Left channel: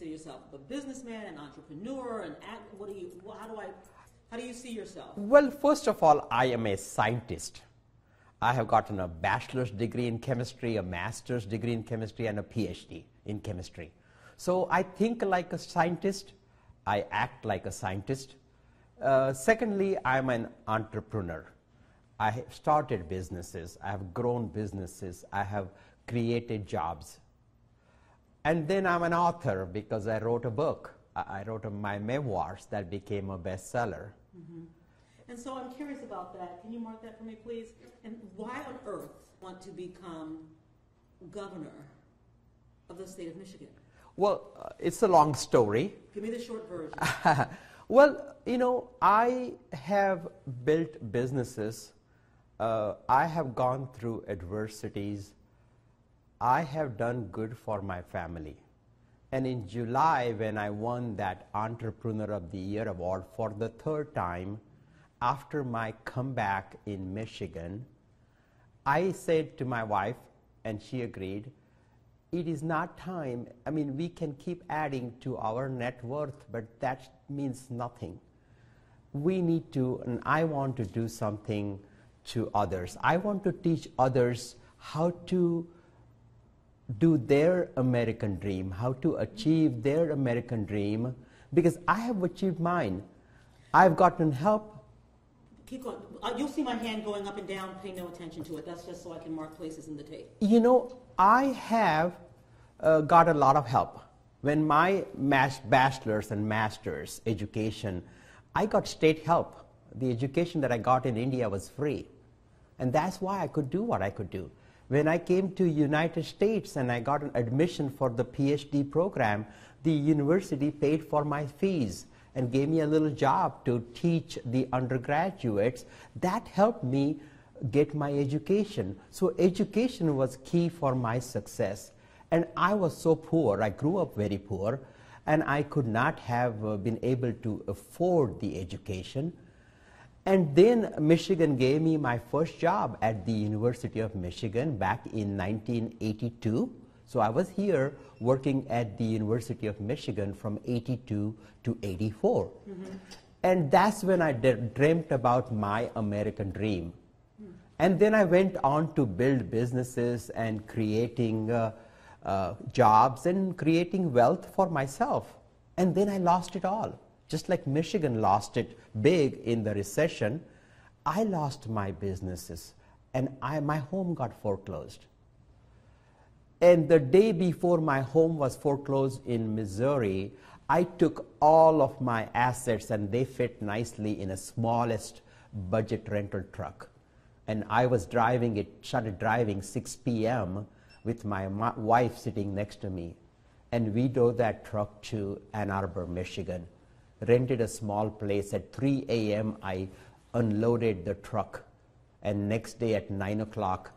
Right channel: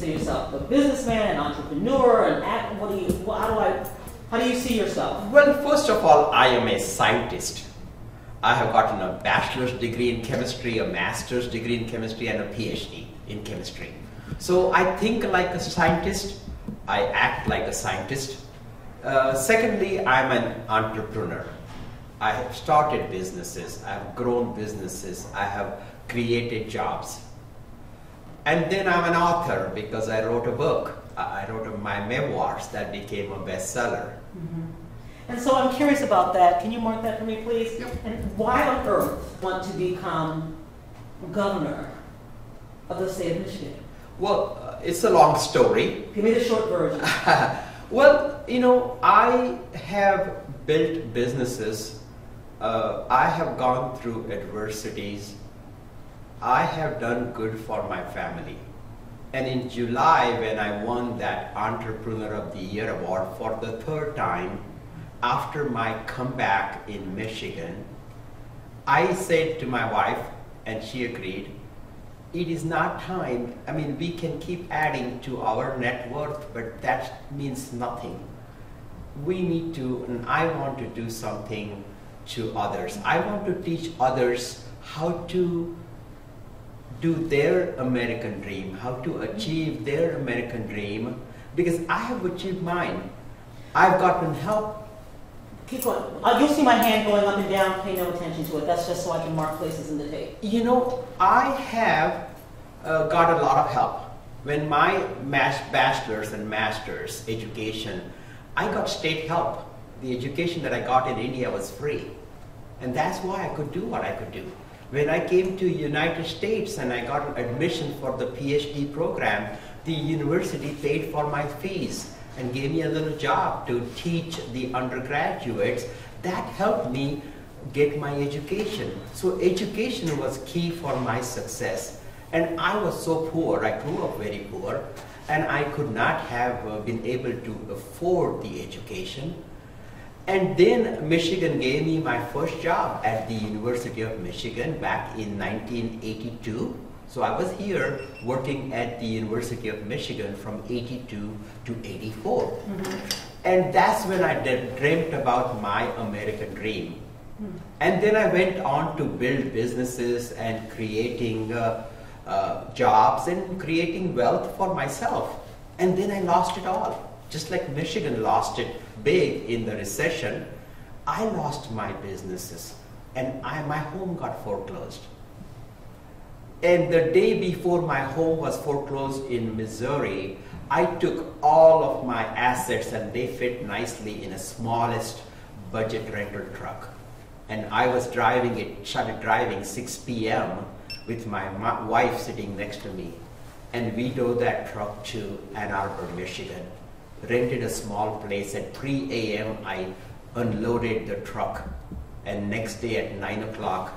consider yourself? A businessman, an entrepreneur, an act? What do you? How do you see yourself? Well, first of all, I am a scientist. I have gotten a bachelor's degree in chemistry, a master's degree in chemistry, and a PhD in chemistry. So I think like a scientist. I act like a scientist. Secondly, I'm an entrepreneur. I have started businesses. I have grown businesses. I have created jobs. And then I'm an author because I wrote a book. I wrote my memoirs that became a bestseller. Mm-hmm. And so I'm curious about that. Can you mark that for me, please? Yep. And why on earth want to become governor of the state of Michigan? Well, it's a long story. Give me the short version. Well, you know, I have built businesses. I have gone through adversities. I have done good for my family. And in July, when I won that Entrepreneur of the Year award for the third time, after my comeback in Michigan, I said to my wife, and she agreed, it is not time. I mean, we can keep adding to our net worth, but that means nothing. We need to, and I want to do something to others. I want to teach others how to do their American dream, how to achieve their American dream, because I have achieved mine. I've gotten help. Keep going. You'll see my hand going up and down. Pay no attention to it. That's just so I can mark places in the tape. You know, I have got a lot of help. When my bachelor's and master's education, I got state help. The education that I got in India was free. And that's why I could do what I could do. When I came to United States and I got admission for the PhD program, the university paid for my fees and gave me a little job to teach the undergraduates. That helped me get my education. So education was key for my success. And I was so poor, I grew up very poor, and I could not have been able to afford the education. And then Michigan gave me my first job at the University of Michigan back in 1982. So I was here working at the University of Michigan from 82 to 84. Mm-hmm. And that's when I dreamt about my American dream. Mm-hmm. And then I went on to build businesses and creating jobs and creating wealth for myself. And then I lost it all. Just like Michigan lost it big in the recession, I lost my businesses and my home got foreclosed. And the day before my home was foreclosed in Missouri, I took all of my assets and they fit nicely in a smallest budget rental truck. And I was driving it, started driving 6 p.m. with my wife sitting next to me. And we drove that truck to Ann Arbor, Michigan. Rented a small place. At 3 a.m. I unloaded the truck, and next day at 9 o'clock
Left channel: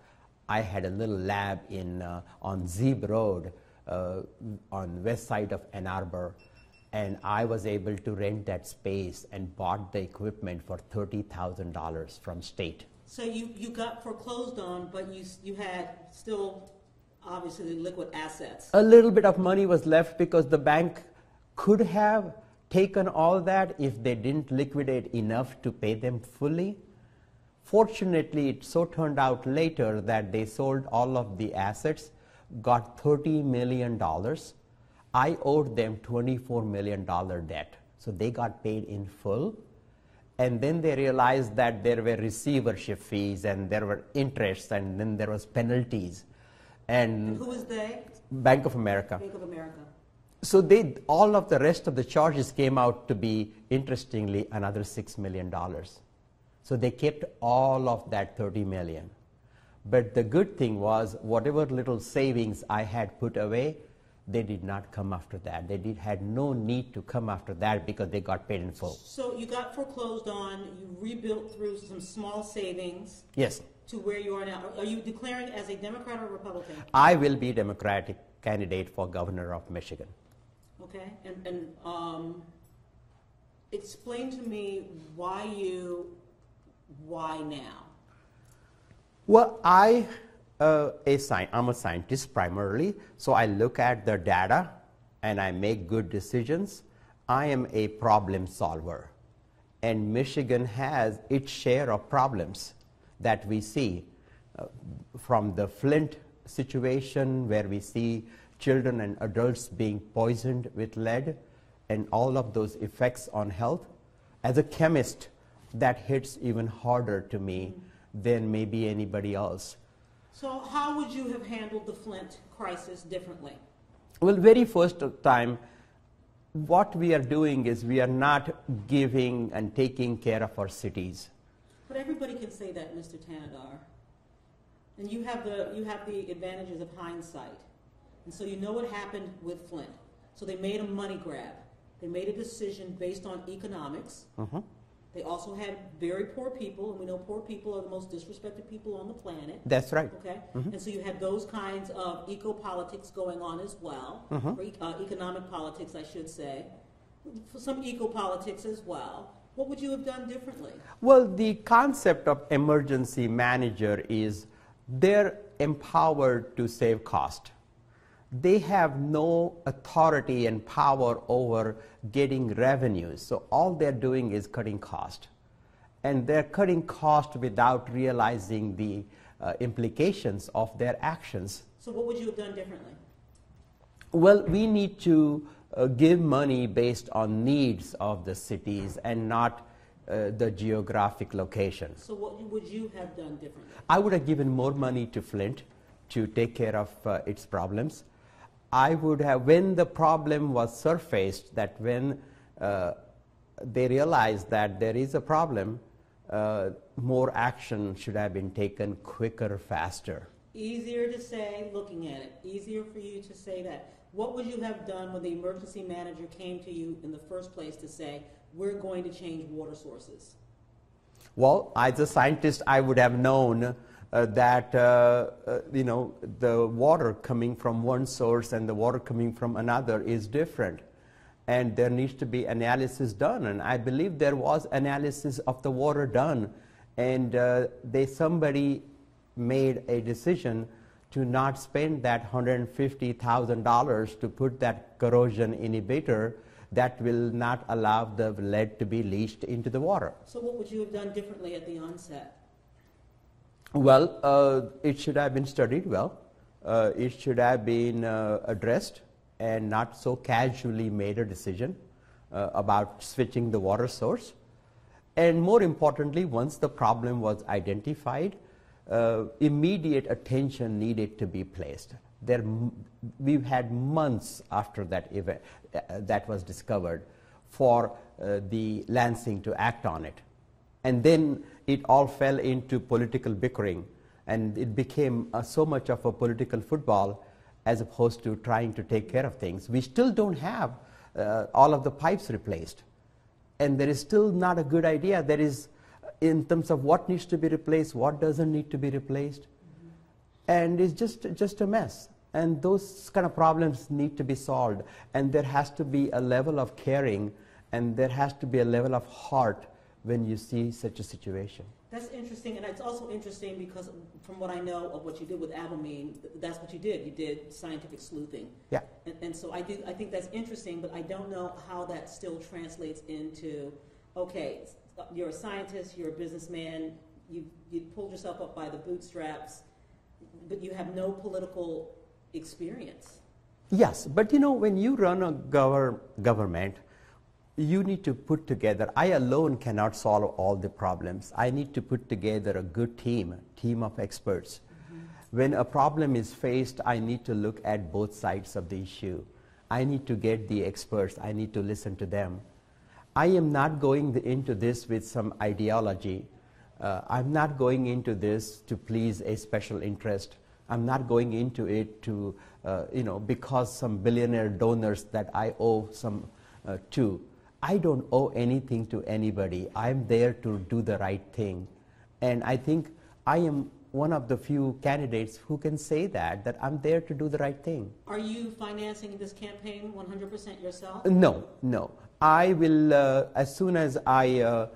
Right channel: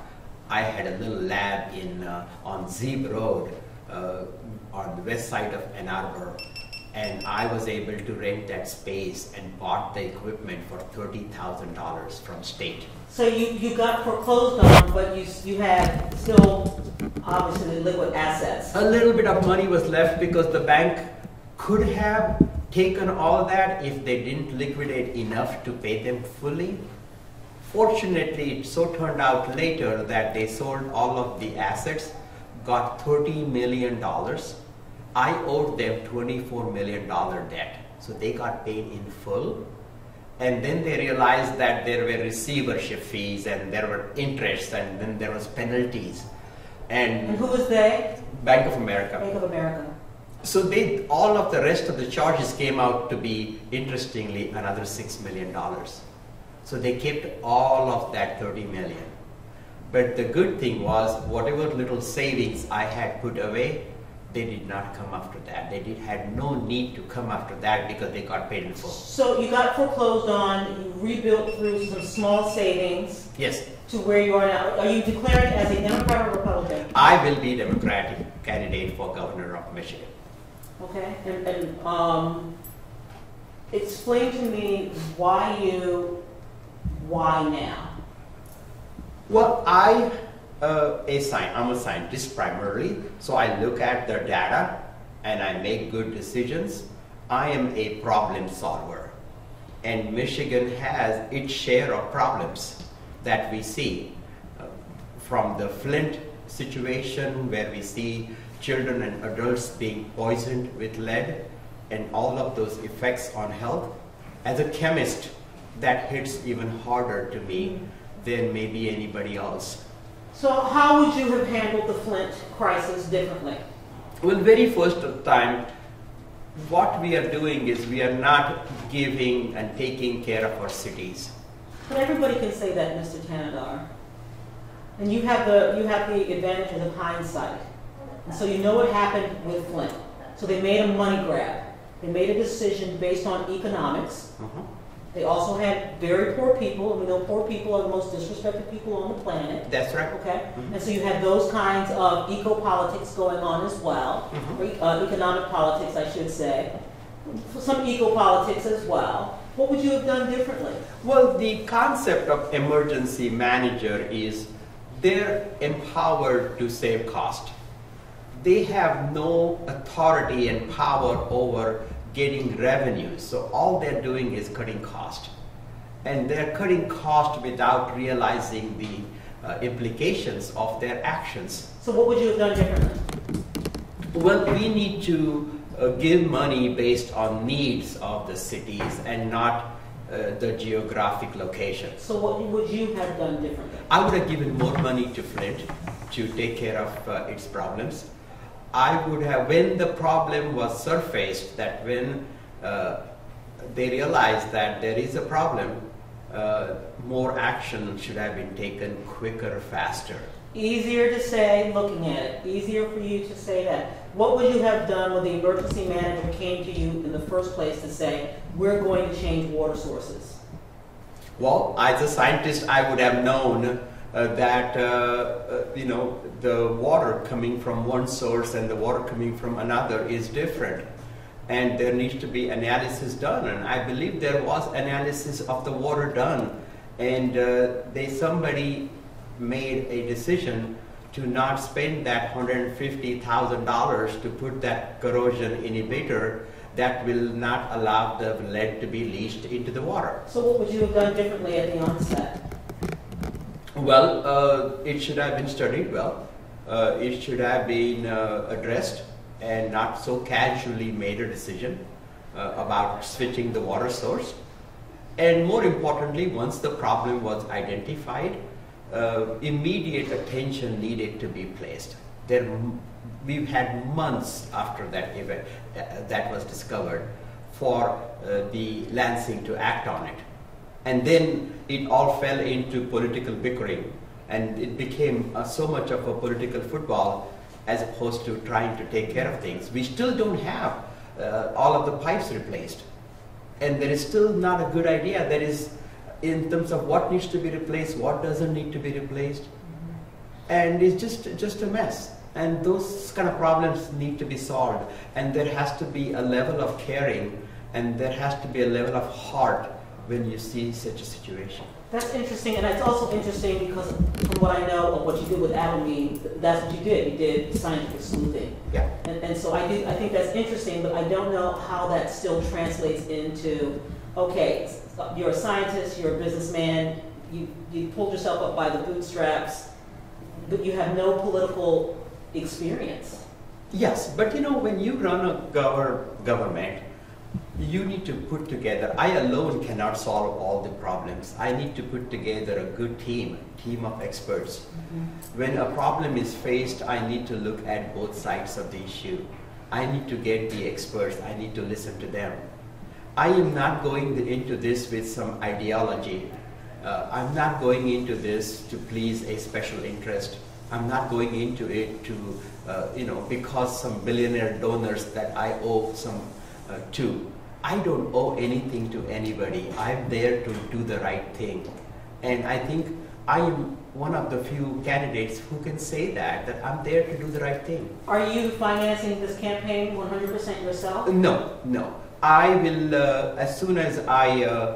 I had a little lab on Zeeb Road on the west side of Ann Arbor, and I was able to rent that space and bought the equipment for $30,000 from state. So you got foreclosed on, but you had still obviously liquid assets. A little bit of money was left because the bank could have taken all that if they didn't liquidate enough to pay them fully. Fortunately, it so turned out later that they sold all of the assets, got $30 million. I owed them $24 million debt. So they got paid in full. And then they realized that there were receivership fees and there were interests and then there was penalties. And who was they? Bank of America. Bank of America. So all of the rest of the charges came out to be, interestingly, another $6 million. So they kept all of that $30 million. But the good thing was, whatever little savings I had put away, they did not come after that. They had no need to come after that because they got paid in full. So you got foreclosed on, you rebuilt through some small savings. Yes. To where you are now. Are you declaring as a Democrat or Republican? I will be Democratic candidate for governor of Michigan. Okay, and explain to me why now? Well, I'm a scientist primarily, so I look at the data and I make good decisions, I am a problem solver. And Michigan has its share of problems that we see, from the Flint situation where we see children and adults being poisoned with lead and all of those effects on health. As a chemist, that hits even harder to me than maybe anybody else. So how would you have handled the Flint crisis differently? Well, very first time, what we are doing is we are not giving and taking care of our cities. But everybody can say that, Mr. Tanadar. And you have the advantages of hindsight. And so you know what happened with Flint. So they made a money grab. They made a decision based on economics. They also had very poor people, and we know poor people are the most disrespected people on the planet. That's right. Okay? And so you had those kinds of eco-politics going on as well, or economic politics, I should say. Some eco-politics as well. What would you have done differently? Well, the concept of emergency manager is they're empowered to save cost. They have no authority and power over getting revenues. So all they're doing is cutting cost. And they're cutting cost without realizing the implications of their actions. So what would you have done differently? Well, we need to give money based on needs of the cities and not the geographic location. So what would you have done differently? I would have given more money to Flint to take care of its problems. I would have, when the problem was surfaced, that when they realized that there is a problem, more action should have been taken quicker, faster. Easier to say looking at it. Easier for you to say that. What would you have done when the emergency manager came to you in the first place to say, we're going to change water sources? Well, as a scientist, I would have known that the water coming from one source and the water coming from another is different. And there needs to be analysis done. And I believe there was analysis of the water done. And somebody made a decision to not spend that $150,000 to put that corrosion inhibitor that will not allow the lead to be leached into the water. So what would you have done differently at the onset? Well, it should have been studied well. It should have been addressed and not so casually made a decision about switching the water source. And more importantly, once the problem was identified, immediate attention needed to be placed. We've had months after that event that was discovered for the Lansing to act on it. And then it all fell into political bickering, and it became so much of a political football as opposed to trying to take care of things. We still don't have all of the pipes replaced, and there is still not a good idea. There is, in terms of what needs to be replaced, what doesn't need to be replaced, and it's just a mess. And those kind of problems need to be solved, and there has to be a level of caring, and there has to be a level of heart when you see such a situation. That's interesting, and it's also interesting because from what I know of what you did with Abilene, that's what you did. You did scientific sleuthing. Yeah. And so I think that's interesting, but I don't know how that still translates into, okay, you're a scientist, you're a businessman, you pulled yourself up by the bootstraps, but you have no political experience. Yes, but when you run a government, you need to put together, I alone cannot solve all the problems. I need to put together a good team of experts. When a problem is faced, I need to look at both sides of the issue. I need to get the experts, I need to listen to them. I am not going into this with some ideology. I'm not going into this to please a special interest. I'm not going into it to, because some billionaire donors that I owe some to. I don't owe anything to anybody. I'm there to do the right thing. And I think I am one of the few candidates who can say that I'm there to do the right thing. Are you financing this campaign 100% yourself? No. I will, as soon as I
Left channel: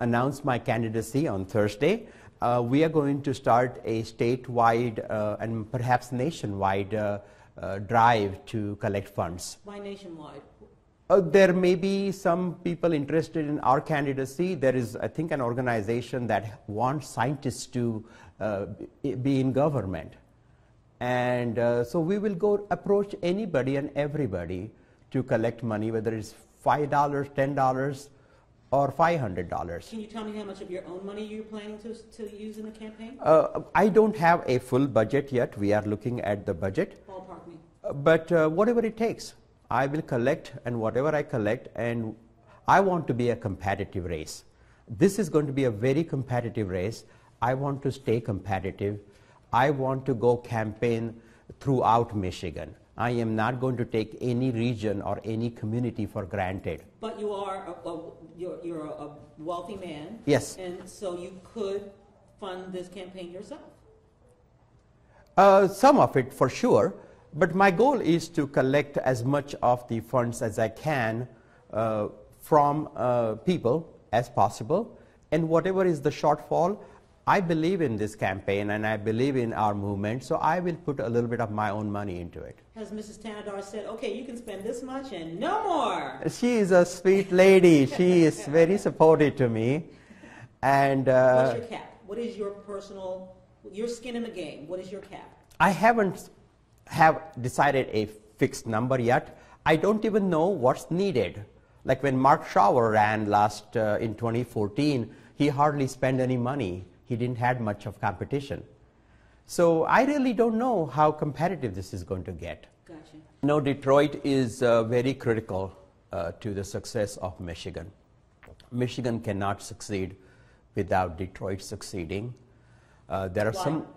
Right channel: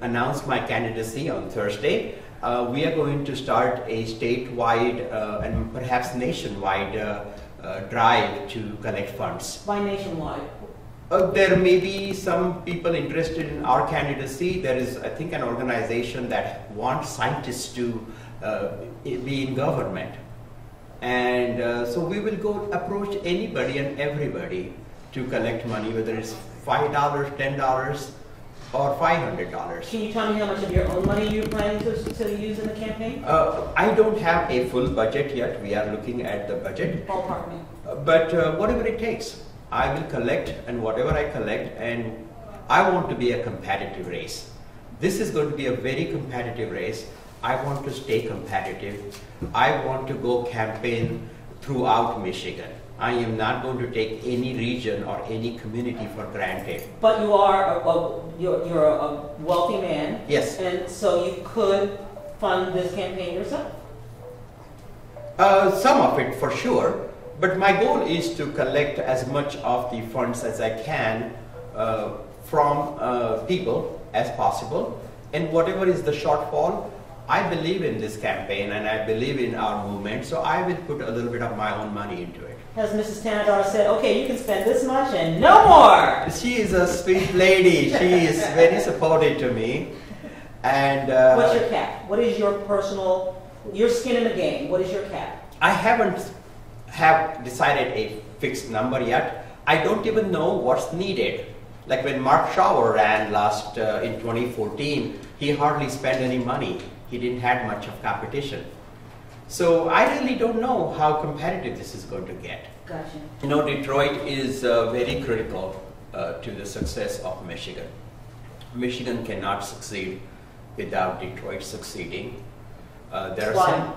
announce my candidacy on Thursday, we are going to start a statewide and perhaps nationwide drive to collect funds. Why nationwide? There may be some people interested in our candidacy. There is, I think, an organization that wants scientists to be in government. And so we will go approach anybody and everybody to collect money, whether it's $5, $10, or $500. Can you tell me how much of your own money you're planning to use in the campaign? I don't have a full budget yet. We are looking at the budget. Ballpark me. But whatever it takes, I will collect, and whatever I collect, and I want to be a competitive race. This is going to be a very competitive race. I want to stay competitive. I want to go campaign throughout Michigan. I am not going to take any region or any community for granted. But you are you're a wealthy man. Yes. And so you could fund this campaign yourself. Some of it for sure. But my goal is to collect as much of the funds as I can from people as possible. And whatever is the shortfall, I believe in this campaign and I believe in our movement. So I will put a little bit of my own money into it. Has Mrs. Tanadar said, okay, you can spend this much and no more? She is a sweet lady. She is very supportive to me. And what's your cap? What is your personal, your skin in the game? What is your cap? I haven't decided a fixed number yet. I don't even know what's needed. Like when Mark Schauer ran last in 2014, he hardly spent any money. He didn't have much of competition. So I really don't know how competitive this is going to get. Gotcha. You know, Detroit is very critical to the success of Michigan. Michigan cannot succeed without Detroit succeeding. There are Why? some.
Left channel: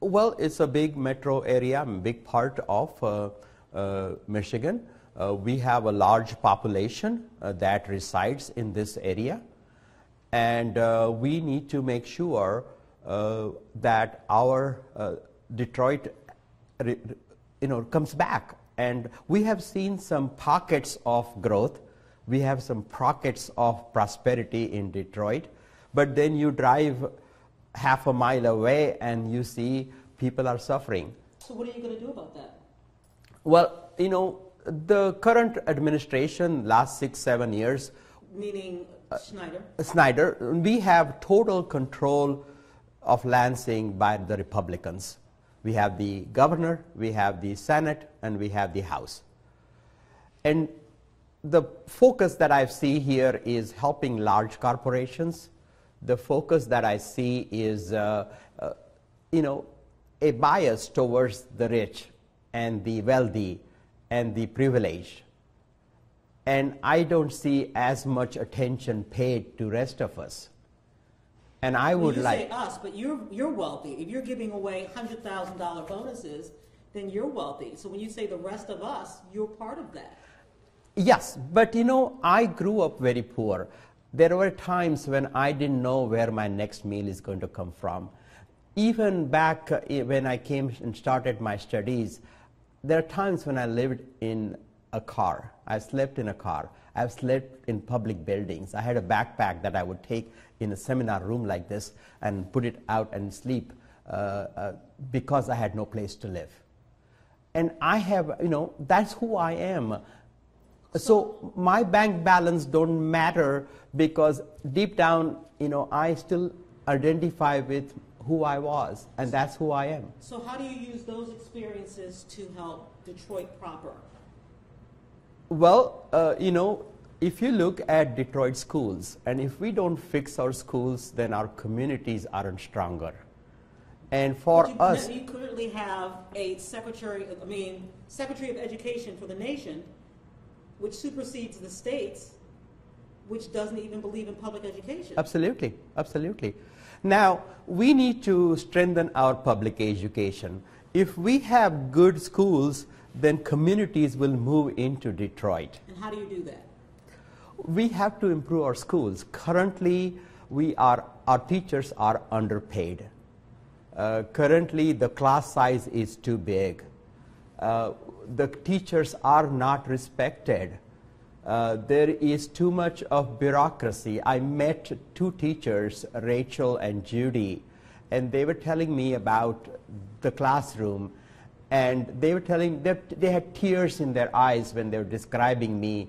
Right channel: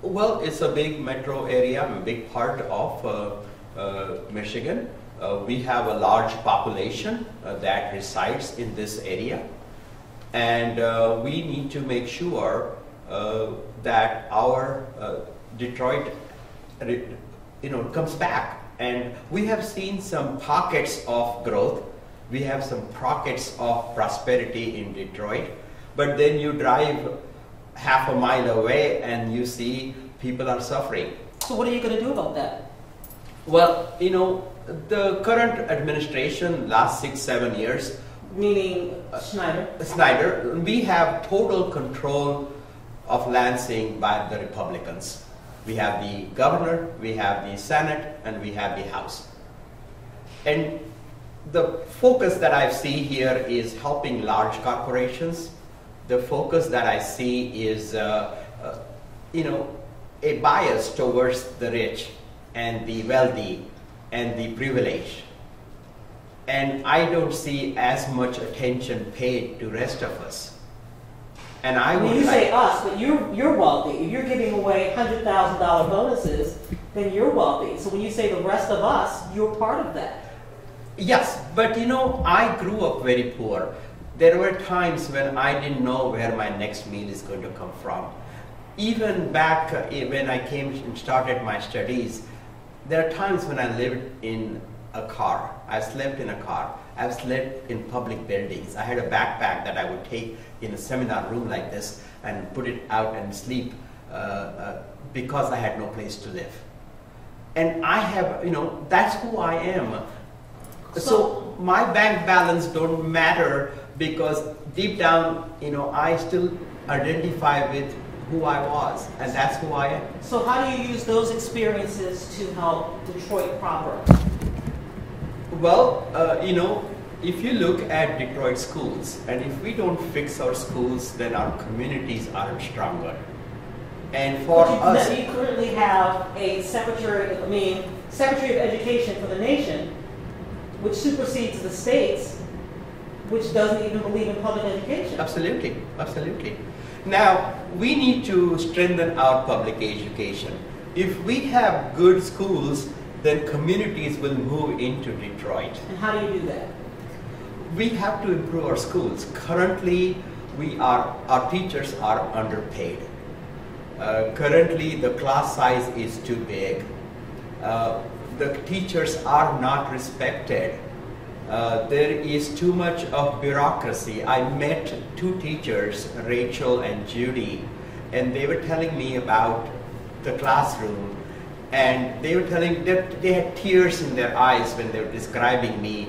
Well, it's a big metro area, a big part of Michigan. We have a large population that resides in this area, and we need to make sure that our Detroit, comes back. And we have seen some pockets of growth. We have some pockets of prosperity in Detroit, but then you drive half a mile away and you see people are suffering. So what are you going to do about that? Well, the current administration, last 6-7 years, Meaning Snyder? we have total control of Lansing by the Republicans. We have the governor, we have the Senate, and we have the House. And the focus that I see here is helping large corporations. The focus that I see is, a bias towards the rich and the wealthy and the privileged. And I don't see as much attention paid to rest of us. And I would you like, say us, but you're wealthy. If you're giving away $100,000 bonuses, then you're wealthy. So when you say the rest of us, you're part of that. yes, but I grew up very poor. There were times when I didn't know where my next meal is going to come from. Even back when I came and started my studies, there are times when I lived in a car. I slept in a car. I've slept in public buildings. I had a backpack that I would take in a seminar room like this and put it out and sleep because I had no place to live. And I have, that's who I am. So my bank balance don't matter because deep down, I still identify with who I was, and that's who I am. So how do you use those experiences to help Detroit proper? Well, if you look at Detroit schools, and if we don't fix our schools, then our communities aren't stronger. And for us, you currently have a Secretary of Education for the nation, which supersedes the states, which doesn't even believe in public education. Absolutely, absolutely. Now, we need to strengthen our public education. If we have good schools, then communities will move into Detroit. And how do you do that? We have to improve our schools. Currently, our teachers are underpaid. Currently, the class size is too big. The teachers are not respected. There is too much of bureaucracy. I met two teachers, Rachel and Judy, and they were telling me about the classroom. And they were telling that they had tears in their eyes when they were describing me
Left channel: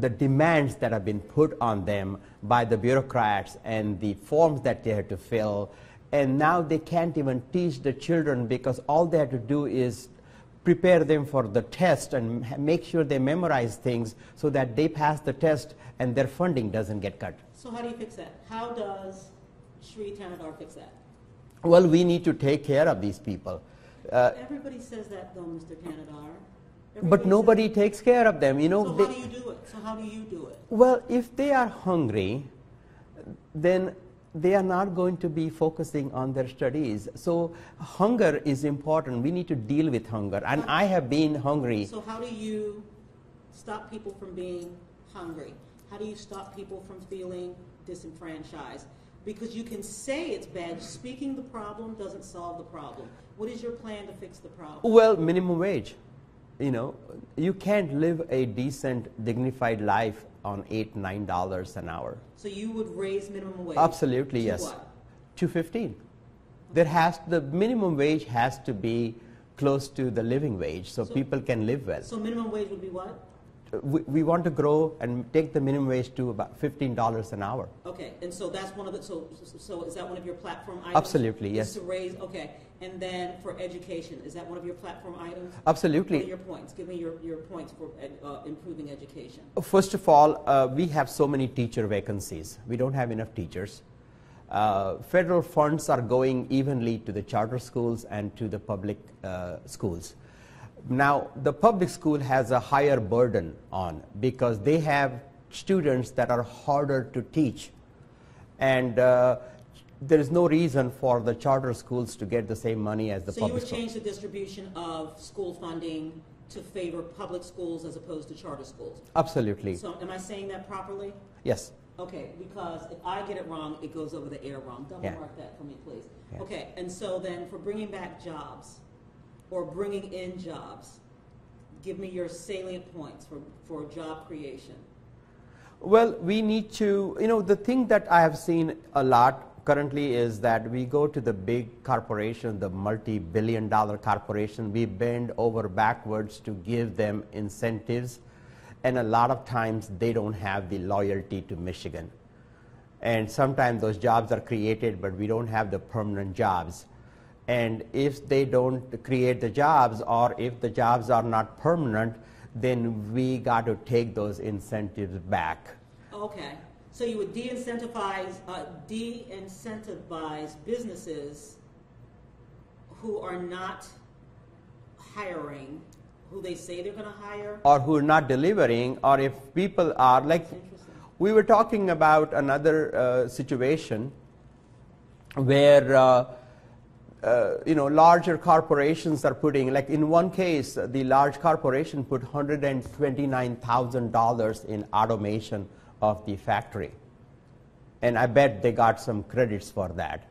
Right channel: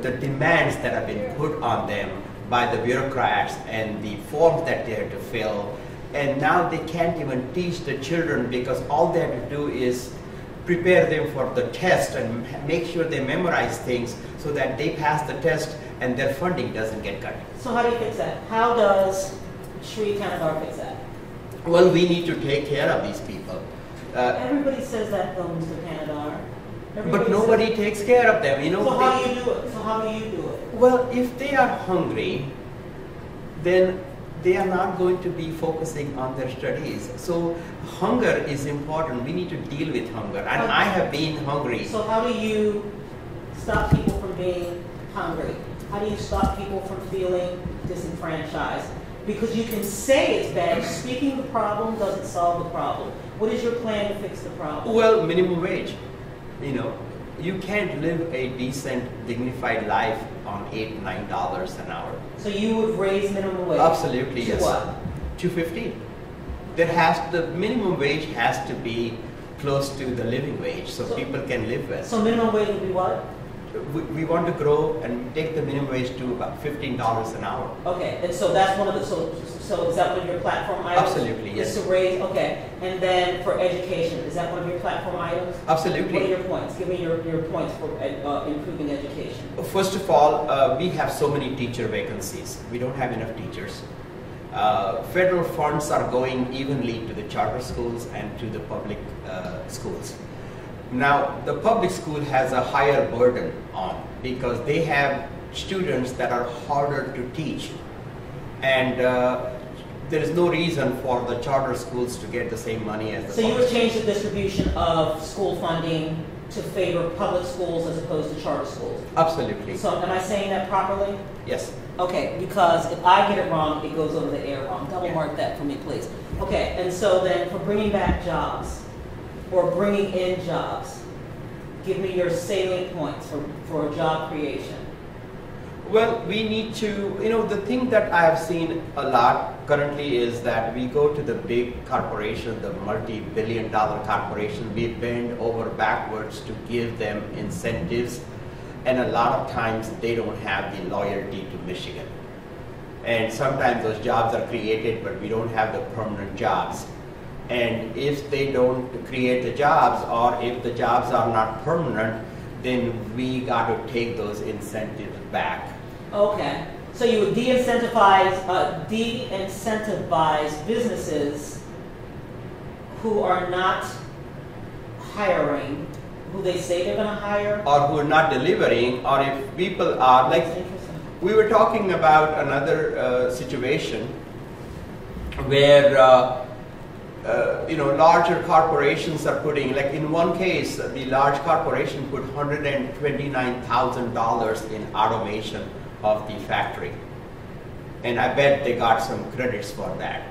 the demands that have been put on them by the bureaucrats and the forms that they had to fill. And now they can't even teach the children because all they have to do is prepare them for the test and make sure they memorize things so that they pass the test and their funding doesn't get cut. So how do you fix that? How does Sri Tanadar fix that? Well, we need to take care of these people. Everybody says that though, Mr. Tanadar. But nobody takes care of them. You know, so how do you do it? So how do you do it? Well, if they are hungry, then they are not going to be focusing on their studies. So hunger is important. We need to deal with hunger. And I have been hungry. So how do you stop people from being hungry? How do you stop people from feeling disenfranchised? Because you can say it's bad. Speaking the problem doesn't solve the problem. What is your plan to fix the problem? Well, minimum wage. You know, you can't live a decent, dignified life on $8, $9 an hour. So you would raise minimum wage? Absolutely, yes. To what? $2.15. The minimum wage has to be close to the living wage, so people can live well. So minimum wage would be what? We want to grow and take the minimum wage to about $15 an hour. Okay, and so that's one of the, so is that one of your platform items? Absolutely, yes. Is to raise, okay. And then for education, is that one of your platform items? Absolutely. What are your points? Give me your points for improving education. First of all, we have so many teacher vacancies. We don't have enough teachers. Federal funds are going evenly to the charter schools and to the public schools. Now, the public school has a higher burden on because they have students that are harder to teach. And there is no reason for the charter schools to get the same money as the So public you would schools. change the distribution of school funding to favor public schools as opposed to charter schools? Absolutely. So am I saying that properly? Yes. Okay, because if I get it wrong, it goes over the air wrong. Double mark that for me, please. Okay, and so then for bringing back jobs, or bringing in jobs, give me your salient points for job creation. Well, we need to, you know, the thing that I have seen a lot currently is that we go to the big corporations, the multi-billion-dollar corporations, we bend over backwards to give them incentives, and a lot of times they don't have the loyalty to Michigan. And sometimes those jobs are created, but we don't have the permanent jobs. And if they don't create the jobs, or if the jobs are not permanent, then we got to take those incentives back. Okay, so you would de-incentivize businesses who are not hiring, who they say they're going to hire? Or who are not delivering, or if people are, like, we were talking about another situation where you know, larger corporations are putting, like in one case, the large corporation put $129,000 in automation of the factory. And I bet they got some credits for that.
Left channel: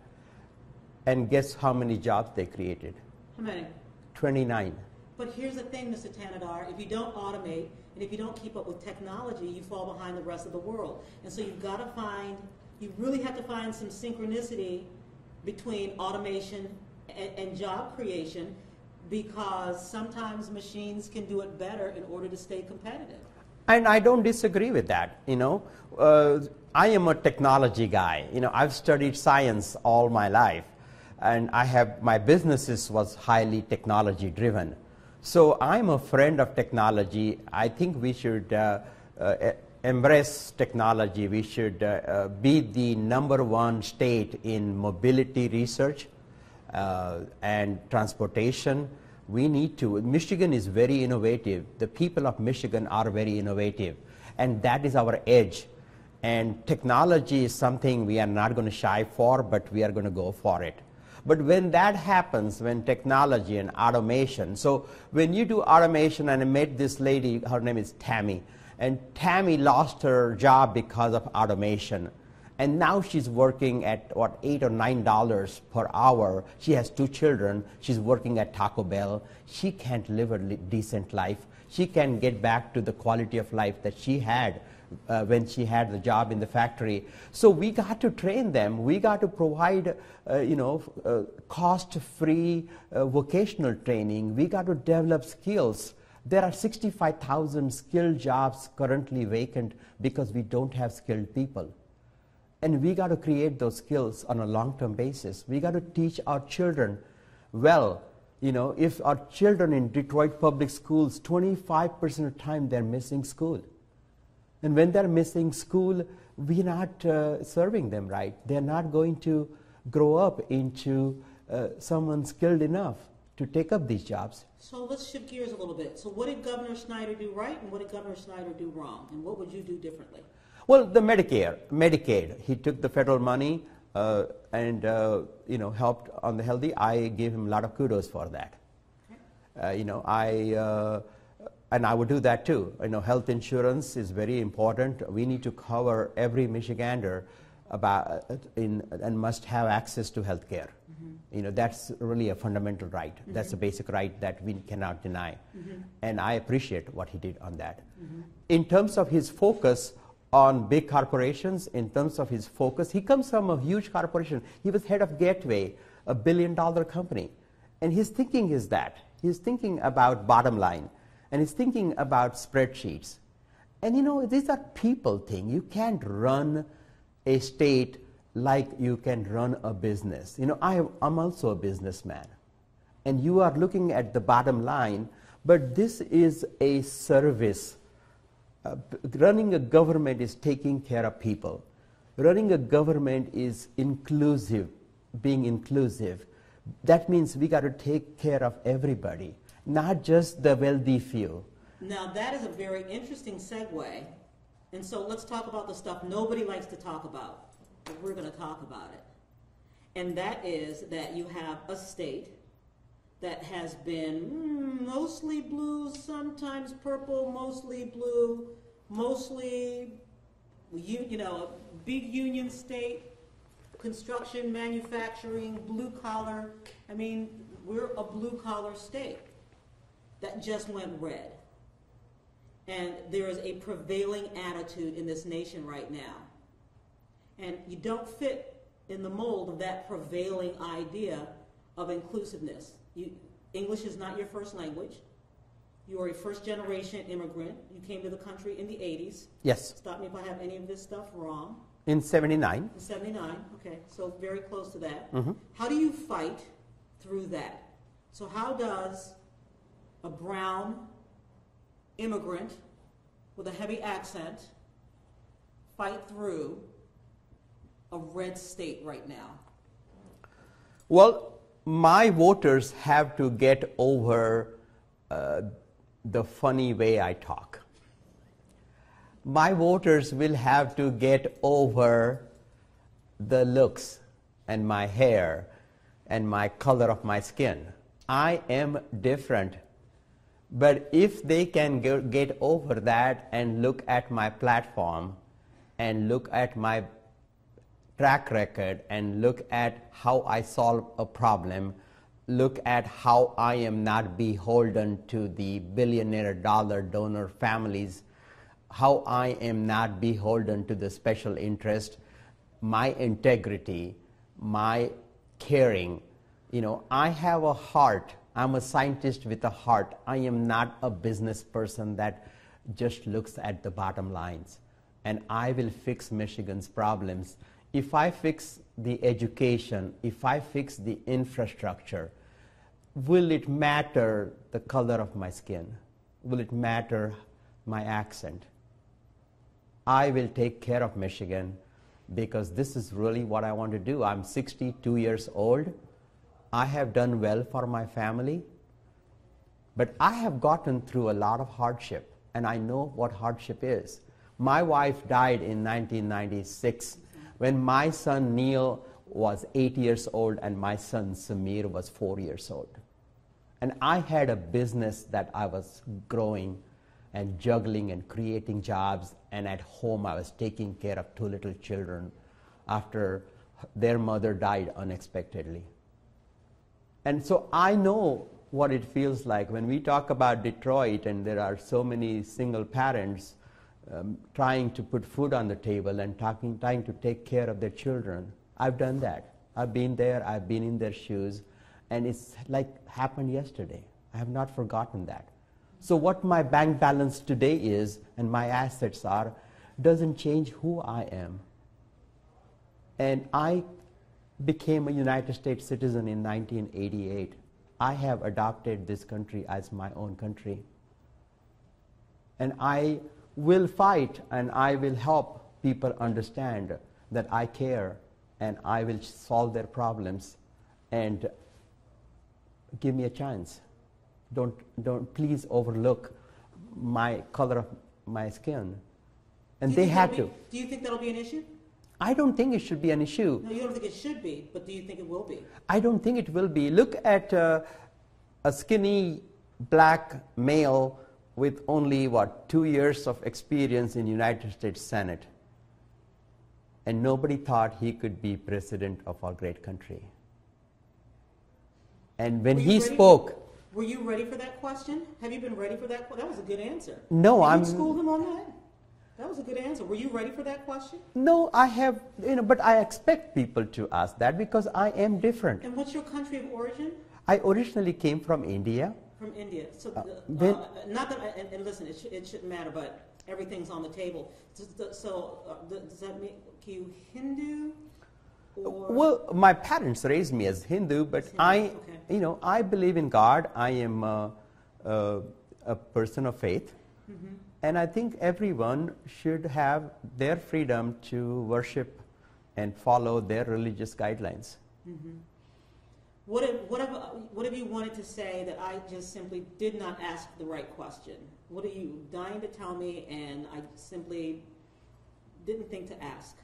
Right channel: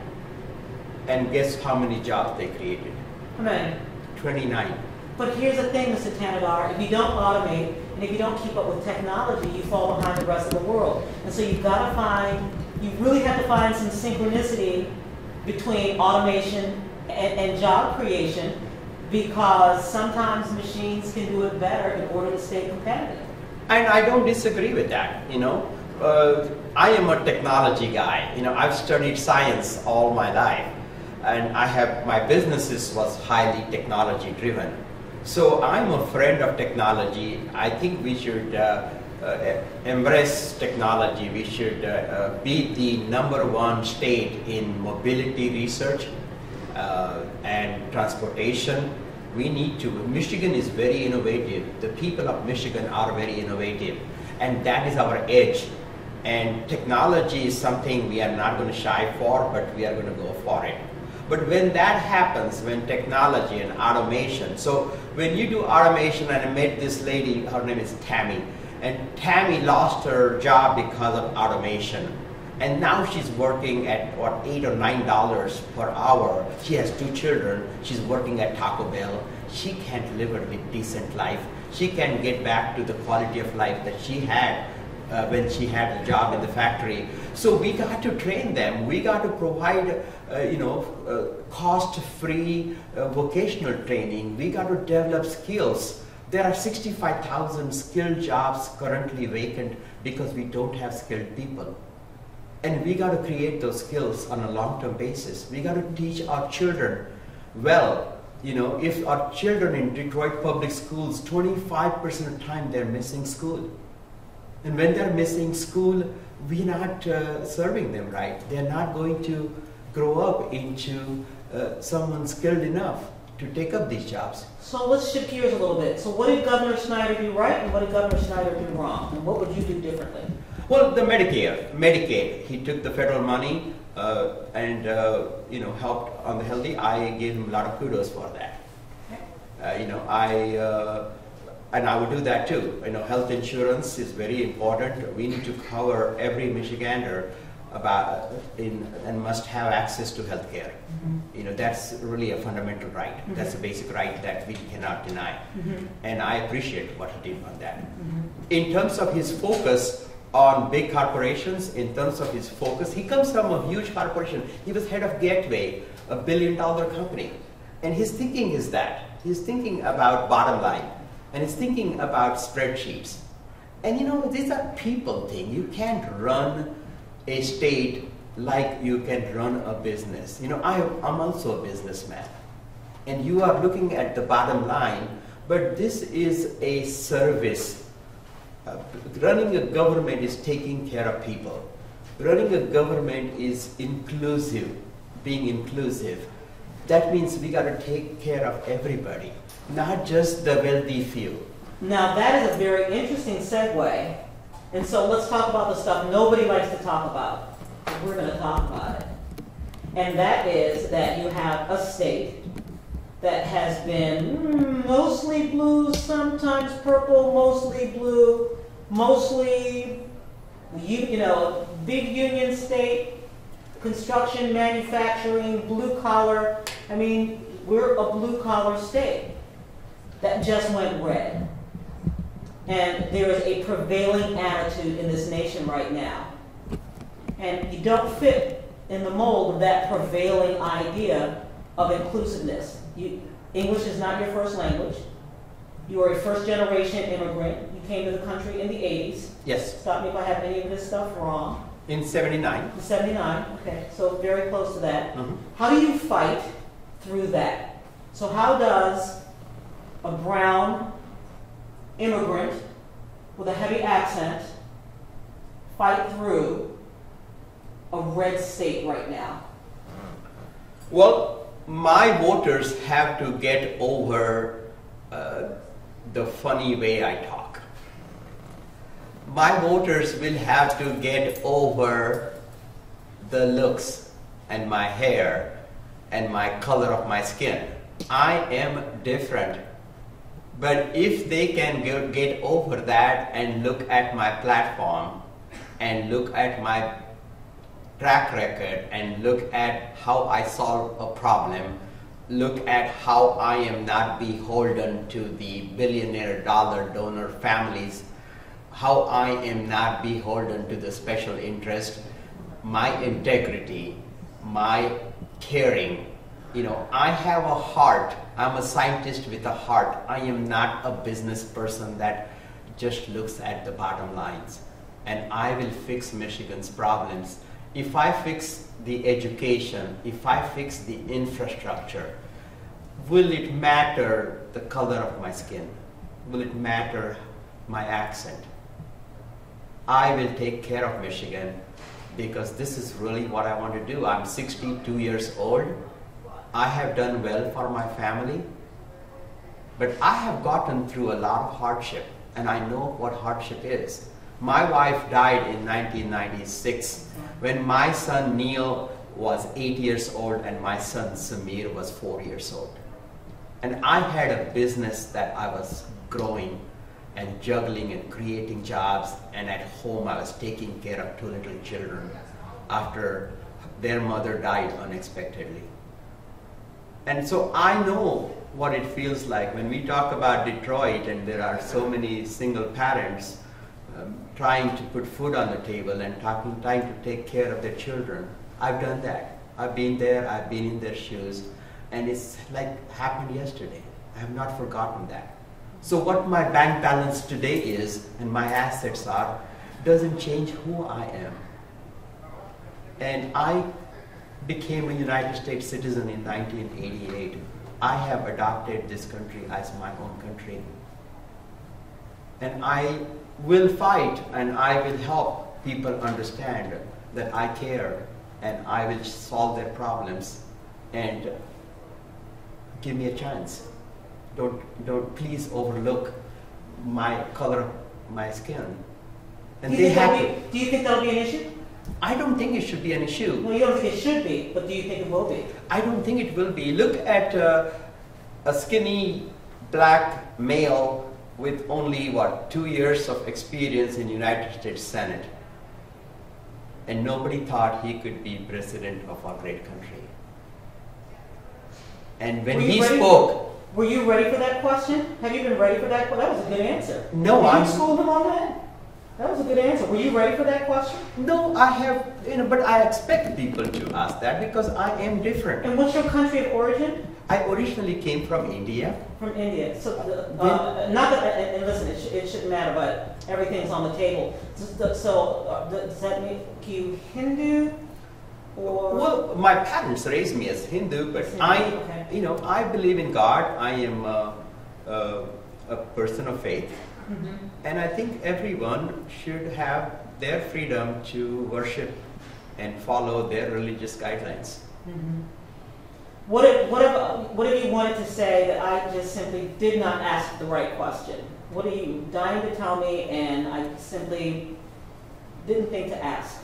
And guess how many jobs they created? How many? 29. But here's the thing, Mr. Tanadar, if you don't automate, and if you don't keep up with technology, you fall behind the rest of the world. And so you've got to find, you really have to find some synchronicity between automation and job creation, because sometimes machines can do it better in order to stay competitive. And I don't disagree with that, you know. I am a technology guy. You know, I've studied science all my life, and my businesses was highly technology driven. So I'm a friend of technology. I think we should embrace technology. We should be the #1 state in mobility research and transportation. We need to. Michigan is very innovative. The people of Michigan are very innovative, and that is our edge. And technology is something we are not going to shy for, but we are going to go for it. But when that happens, when technology and automation, so when you do automation, and I met this lady, her name is Tammy, and Tammy lost her job because of automation. And now she's working at, what, $8 or $9 per hour. She has 2 children. She's working at Taco Bell. She can't live a decent life. She can get back to the quality of life that she had when she had the job in the factory. So we got to train them. We got to provide, cost-free vocational training. We got to develop skills. There are 65,000 skilled jobs currently vacant because we don't have skilled people. And we got to create those skills on a long-term basis. We got to teach our children well. If our children in Detroit public schools, 25% of the time they're missing school. And when they're missing school, we're not serving them right. They're not going to grow up into someone skilled enough to take up these jobs. So let's shift gears a little bit. So what did Governor Snyder do right and what did Governor Snyder do wrong? And what would you do differently? Well, the Medicaid, he took the federal money and helped on the healthy. I gave him a lot of kudos for that. Okay. And I would do that too. Health insurance is very important. We need to cover every Michigander and must have access to health care. Mm-hmm. That's really a fundamental right. Mm-hmm. That's a basic right that we cannot deny. Mm-hmm. And I appreciate what he did on that. Mm-hmm. In terms of his focus on big corporations, he comes from a huge corporation. He was head of Gateway, a $1 billion company. And his thinking is that. He's thinking about bottom line. And he's thinking about spreadsheets. And these are people thing. You can't run a state like you can run a business. I'm also a businessman. And you are looking at the bottom line, but this is a service. Running a government is taking care of people. Running a government is being inclusive. That means we got to take care of everybody, not just the wealthy few. Now that is a very interesting segue. And so let's talk about the stuff nobody likes to talk about. And we're going to talk about it. And that is that you have a state that has been mostly blue, sometimes purple, mostly blue, mostly, a big union state, construction, manufacturing, blue collar. I mean, we're a blue collar state that just went red. And there is a prevailing attitude in this nation right now. And you don't fit in the mold of that prevailing idea of inclusiveness. English is not your first language. You are a first-generation immigrant. You came to the country in the 80s. Yes. Stop me if I have any of this stuff wrong. In 79. In 79, okay. So very close to that. Mm-hmm. How do you fight through that? So how does a brown immigrant with a heavy accent fight through a red state right now? Well, my voters have to get over the funny way I talk. My voters will have to get over the looks and my hair and my color of my skin. I am different. But if they can get over that and look at my platform and look at my track record and look at how I solve a problem, look at how I am not beholden to the billionaire dollar donor families, how I am not beholden to the special interest, my integrity, my caring. I have a heart. I'm a scientist with a heart. I am not a business person that just looks at the bottom lines. And I will fix Michigan's problems. If I fix the education, if I fix the infrastructure, will it matter the color of my skin? Will it matter my accent? I will take care of Michigan because this is really what I want to do. I'm 62 years old. I have done well for my family, but I have gotten through a lot of hardship, and I know what hardship is. My wife died in 1996 when my son Neil was 8 years old and my son Samir was 4 years old. And I had a business that I was growing and juggling and creating jobs, and at home I was taking care of 2 little children after their mother died unexpectedly. And so I know what it feels like when we talk about Detroit and there are so many single parents. trying to put food on the table and trying to take care of their children. I've done that. I've been there, I've been in their shoes, and it's like happened yesterday. I have not forgotten that. So what my bank balance today is and my assets are doesn't change who I am. And I became a United States citizen in 1988. I have adopted this country as my own country. And I will fight and I will help people understand that I care and I will solve their problems, and give me a chance. Don't please overlook my color, my skin. And they have to. Do you think that'll be an issue? I don't think it should be an issue. No, you don't think it should be, but do you think it will be? I don't think it will be. Look at a skinny black male with only, what, 2 years of experience in United States Senate. And nobody thought he could be president of our great country. And when he spoke... Were you ready for that question? Have you been ready for that? Well, that was a good answer. No, Did you school him on that? That was a good answer. Were you ready for that question? No, I have, but I expect people to ask that because I am different. And what's your country of origin? I originally came from India. From India. So, not that, and listen, it shouldn't matter, but everything's on the table. So does that make you Hindu? Or? Well, my parents raised me as Hindu, but I believe in God. I am a person of faith. Mm-hmm. And I think everyone should have their freedom to worship and follow their religious guidelines. Mm-hmm. What if you wanted to say that I just simply did not ask the right question? What are you dying to tell me and I simply didn't think to ask?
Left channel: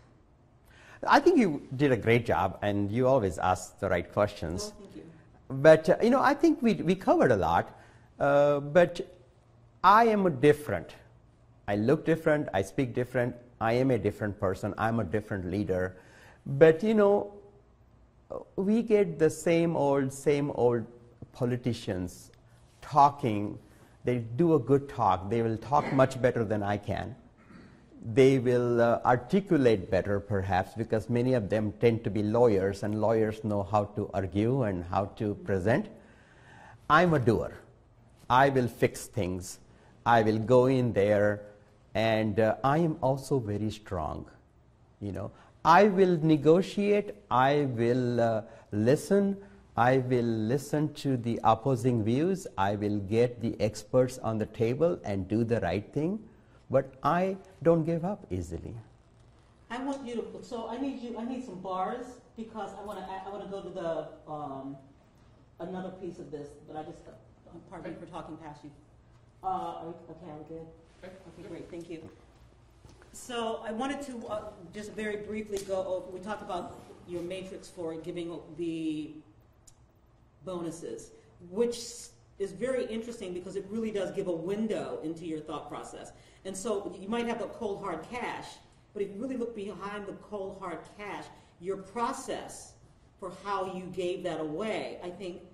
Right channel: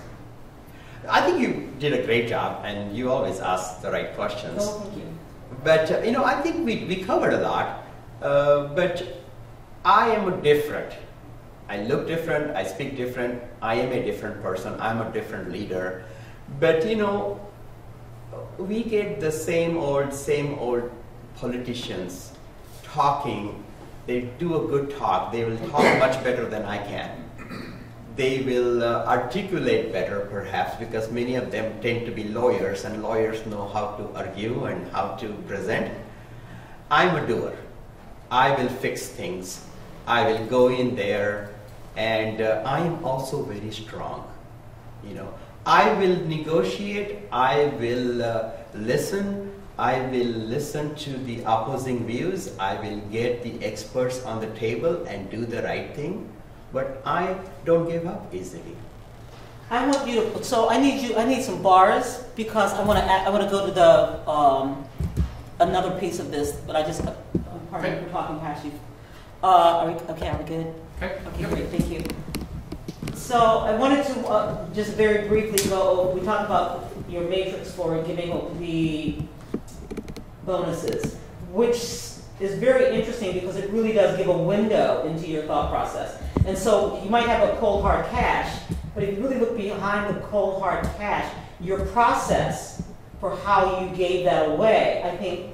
I think you did a great job and you always ask the right questions. Oh, thank you. But, I think we covered a lot, but I am different. I look different, I speak different, I am a different person, I'm a different leader. But we get the same old politicians talking. They do a good talk. They will talk much better than I can. They will articulate better perhaps because many of them tend to be lawyers and lawyers know how to argue and how to present. I'm a doer. I will fix things. I will go in there. And I am also very strong, I will negotiate, I will listen to the opposing views, I will get the experts on the table and do the right thing, but I don't give up easily. I want you to, so I need some bars because I want to go to the, another piece of this, but pardon me for talking past you. Are we good? Okay, great, thank you. So I wanted to just very briefly go over, we talked about your matrix for giving the bonuses, which is very interesting because it really does give a window into your thought process. And so you might have a cold hard cash, but if you really look behind the cold hard cash, your process for how you gave that away, I think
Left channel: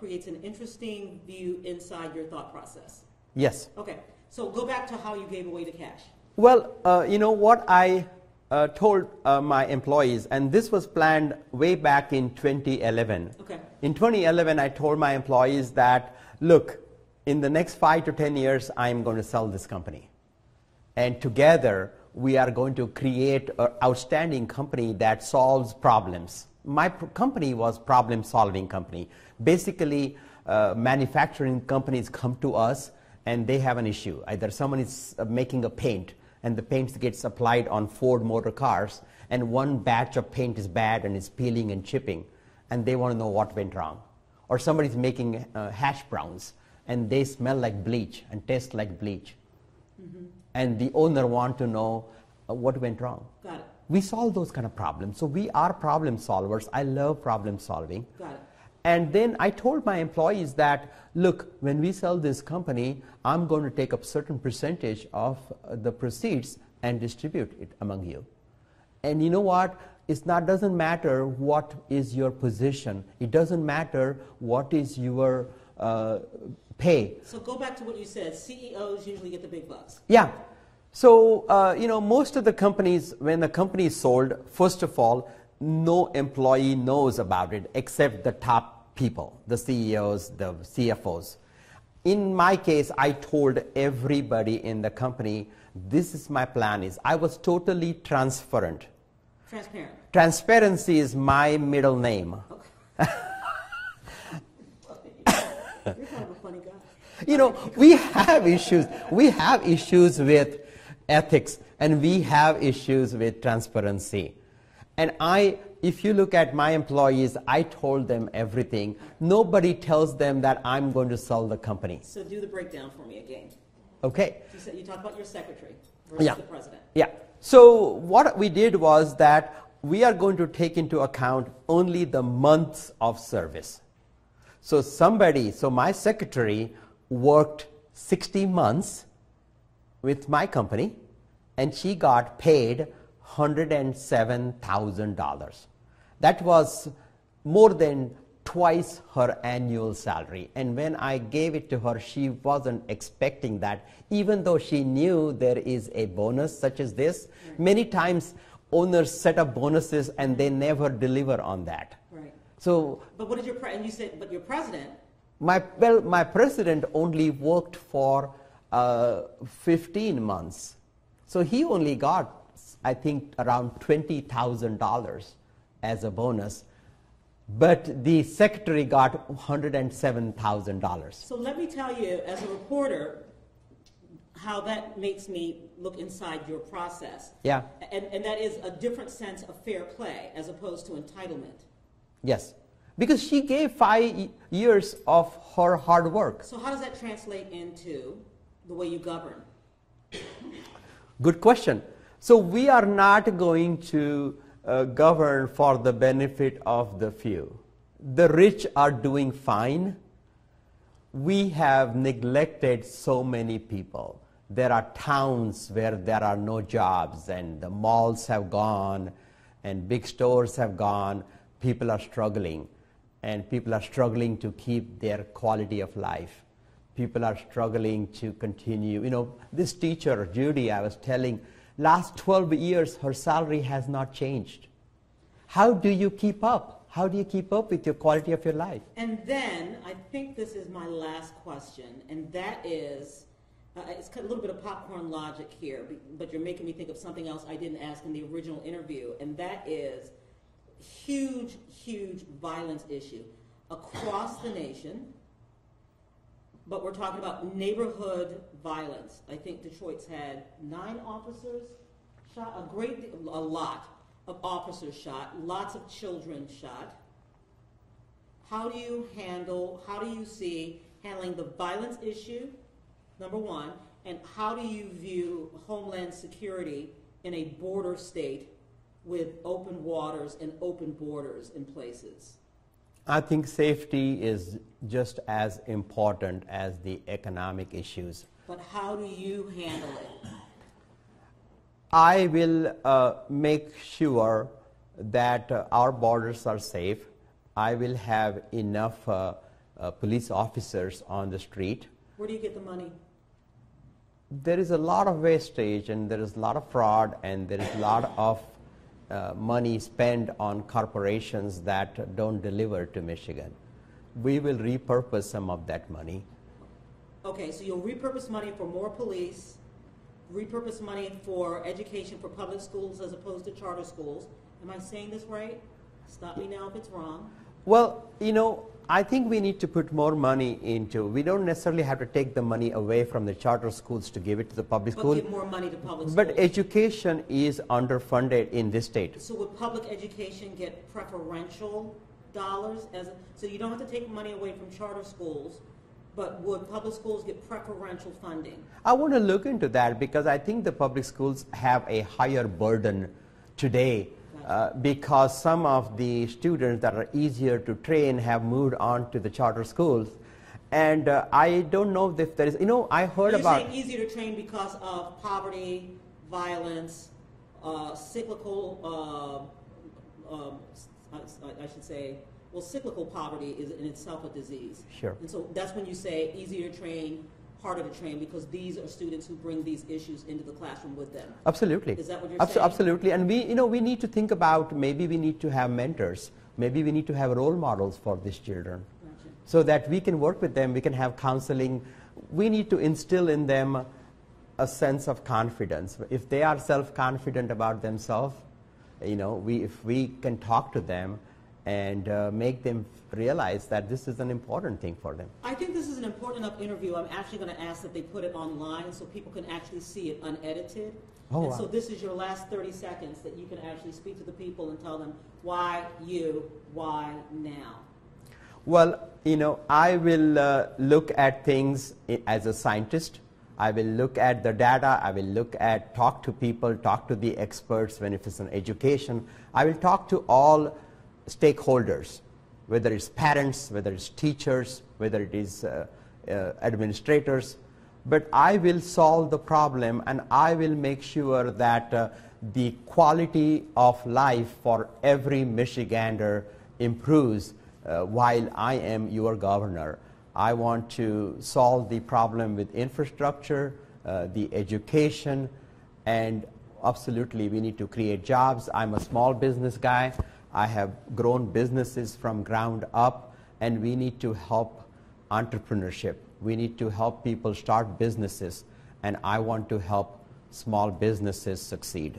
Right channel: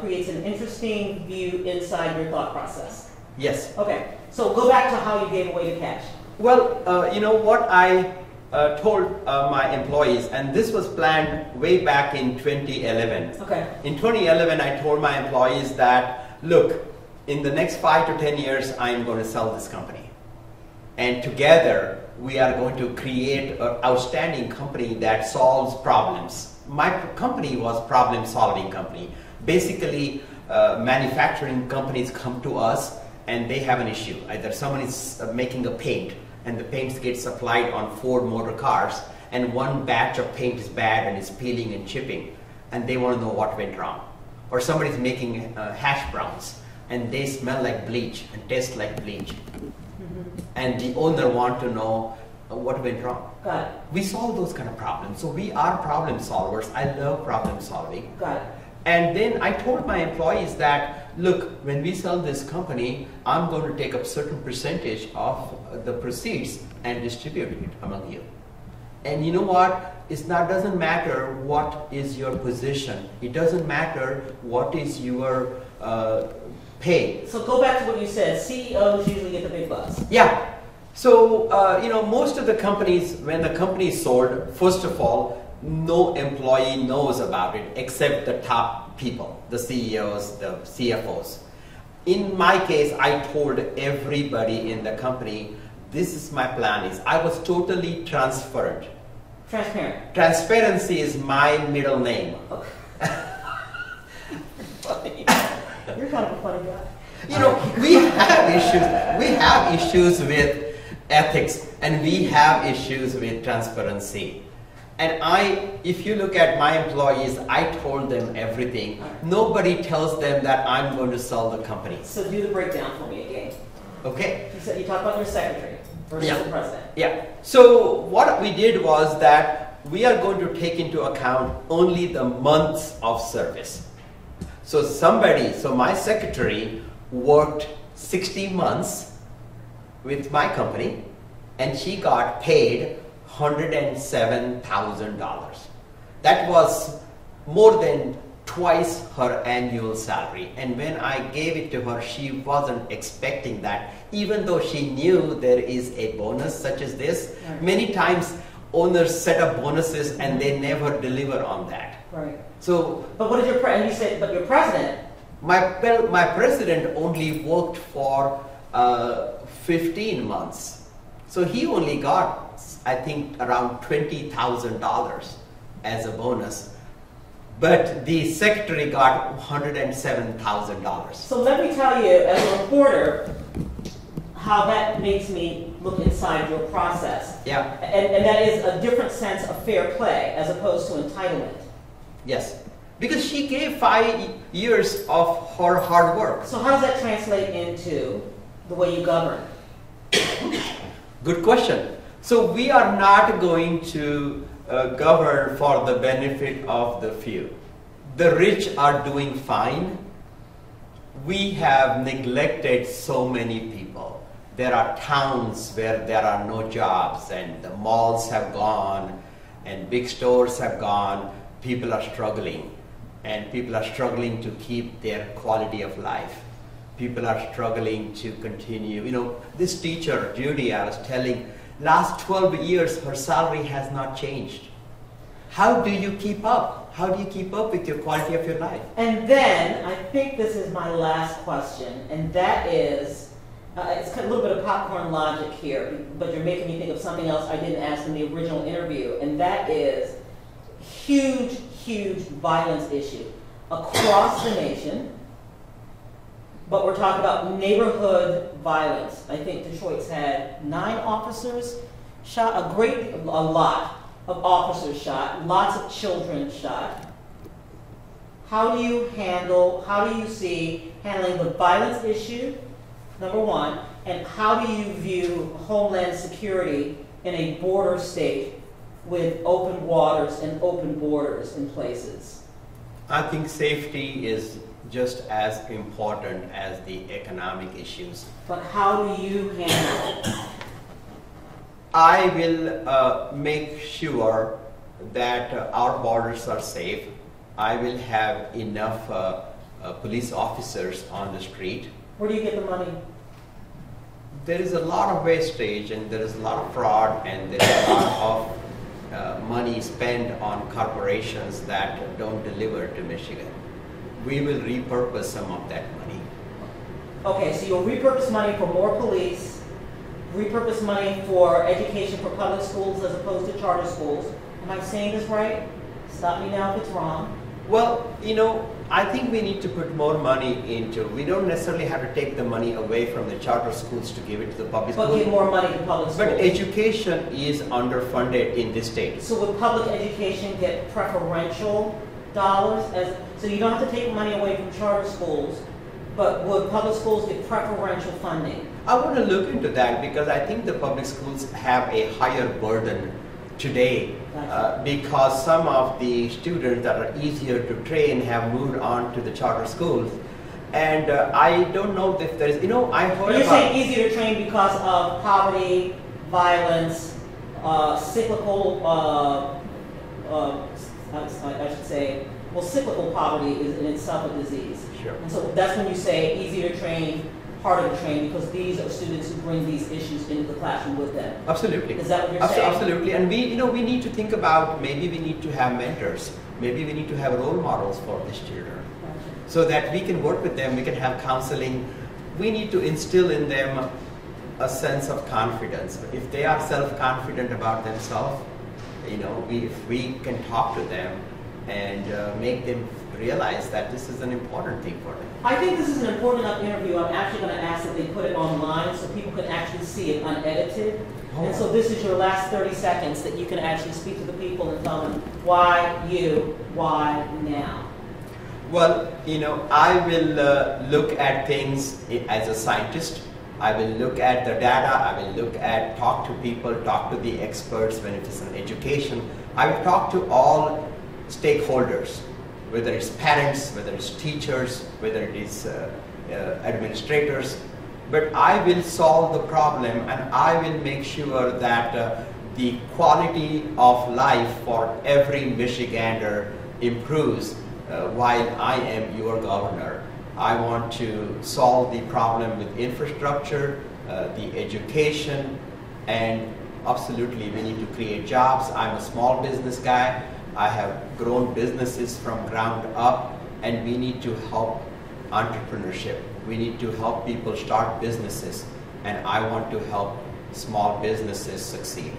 creates an interesting view inside your thought process. Yes. Okay, so go back to how you gave away the cash. Well, what I told my employees, and this was planned way back in 2011. Okay. In 2011, I told my employees that, look, in the next 5 to 10 years, I'm going to sell this company. And together, we are going to create an outstanding company that solves problems. My company was problem-solving company. Basically, manufacturing companies come to us and they have an issue. Either someone is making a paint and the paint gets applied on Ford motor cars and one batch of paint is bad and it's peeling and chipping and they want to know what went wrong. Or somebody's making hash browns and they smell like bleach and taste like bleach. Mm-hmm. And the owner wants to know what went wrong. Got it. We solve those kind of problems. So we are problem solvers. I love problem solving. Got it. And then I told my employees that, look, when we sell this company, I'm going to take a certain percentage of the proceeds and distribute it among you. And you know what? It doesn't matter what is your position. It doesn't matter what is your pay. So go back to what you said. CEOs usually get the big bucks. Yeah. So, most of the companies, when the company is sold, first of all, no employee knows about it except the top people, the CEOs, the CFOs. In my case, I told everybody in the company, this is my plan. I was totally transparent. Transparent. Transparency is my middle name. You're kind of a funny guy. We have issues. We have issues with ethics, and we have issues with transparency. And if you look at my employees, I told them everything. Nobody tells them that I'm going to sell the company. So do the breakdown for me again. Okay. You talked about your secretary versus the president. Yeah. So what we did was that we are going to take into account only the months of service. So my secretary worked 60 months with my company, and she got paid $107,000. That was more than twice her annual salary. And when I gave it to her, she wasn't expecting that, even though she knew there is a bonus such as this. Right. Many times owners set up bonuses and they never deliver on that. Right. So, but what did your president? My president only worked for 15 months. So he only got, I think, around $20,000 as a bonus. But the secretary got $107,000. So let me tell you, as a reporter, how that makes me look inside your process. Yeah. And that is a different sense of fair play as opposed to entitlement. Yes. Because she gave 5 years of her hard work. So how does that translate into the way you govern? Good question. So we are not going to govern for the benefit of the few. The rich are doing fine. We have neglected so many people. There are towns where there are no jobs, and the malls have gone, and big stores have gone. People are struggling, and people are struggling to keep their quality of life. People are struggling to continue. This teacher, Judy, I was telling, last 12 years, her salary has not changed. How do you keep up? How do you keep up with your quality of your life? And then, I think this is my last question, and that is, it's kind of a little bit of popcorn logic here, but you're making me think of something else I didn't ask in the original interview, and that is huge, huge violence issue across the nation. But we're talking about neighborhood violence. I think Detroit's had 9 officers shot, a lot of officers shot, lots of children shot. How do you see handling the violence issue, number one, and how do you view homeland security in a border state with open waters and open borders in places? I think safety is just as important as the economic issues. But how do you handle it? I will make sure that our borders are safe. I will have enough police officers on the street. Where do you get the money? There is a lot of wastage, and there is a lot of fraud, and there is a lot of money spent on corporations that don't deliver to Michigan. We will repurpose some of that money. Okay, so you'll repurpose money for more police, repurpose money for education for public schools as opposed to charter schools. Am I saying this right? Stop me now if it's wrong. Well, I think we need to put more money into, we don't necessarily have to take the money away from the charter schools to give it to the public schools. But give more money to public schools. But education is underfunded in this state. So would public education get preferential dollars? So you don't have to take money away from charter schools, but would public schools get preferential funding? I want to look into that because I think the public schools have a higher burden today because some of the students that are easier to train have moved on to the charter schools. And I don't know if there is, I heard You're about... saying easier to train because of poverty, violence, cyclical, I should say, well, cyclical poverty is in itself a disease. Sure. And so that's when you say easier to train part of the training because these are students who bring these issues into the classroom with them. Absolutely. Is that what you're saying? Absolutely. And we need to think about, maybe we need to have mentors. Maybe we need to have role models for these children. So that we can work with them, we can have counseling. We need to instill in them a sense of confidence. If they are self-confident about themselves, if we can talk to them and make them realize that this is an important thing for them. I think this is an important enough interview. I'm actually going to ask that they put it online so people can actually see it unedited. Oh, and so this is your last 30 seconds that you can actually speak to the people and tell them why you, why now. Well, I will look at things as a scientist. I will look at the data. I will talk to people, talk to the experts when it is an education. I will talk to all stakeholders, whether it's parents, whether it's teachers, whether it is administrators. But I will solve the problem, and I will make sure that the quality of life for every Michigander improves while I am your governor. I want to solve the problem with infrastructure, the education, and absolutely we need to create jobs. I'm a small business guy. I have grown businesses from ground up, and we need to help entrepreneurship. We need to help people start businesses, and I want to help small businesses succeed.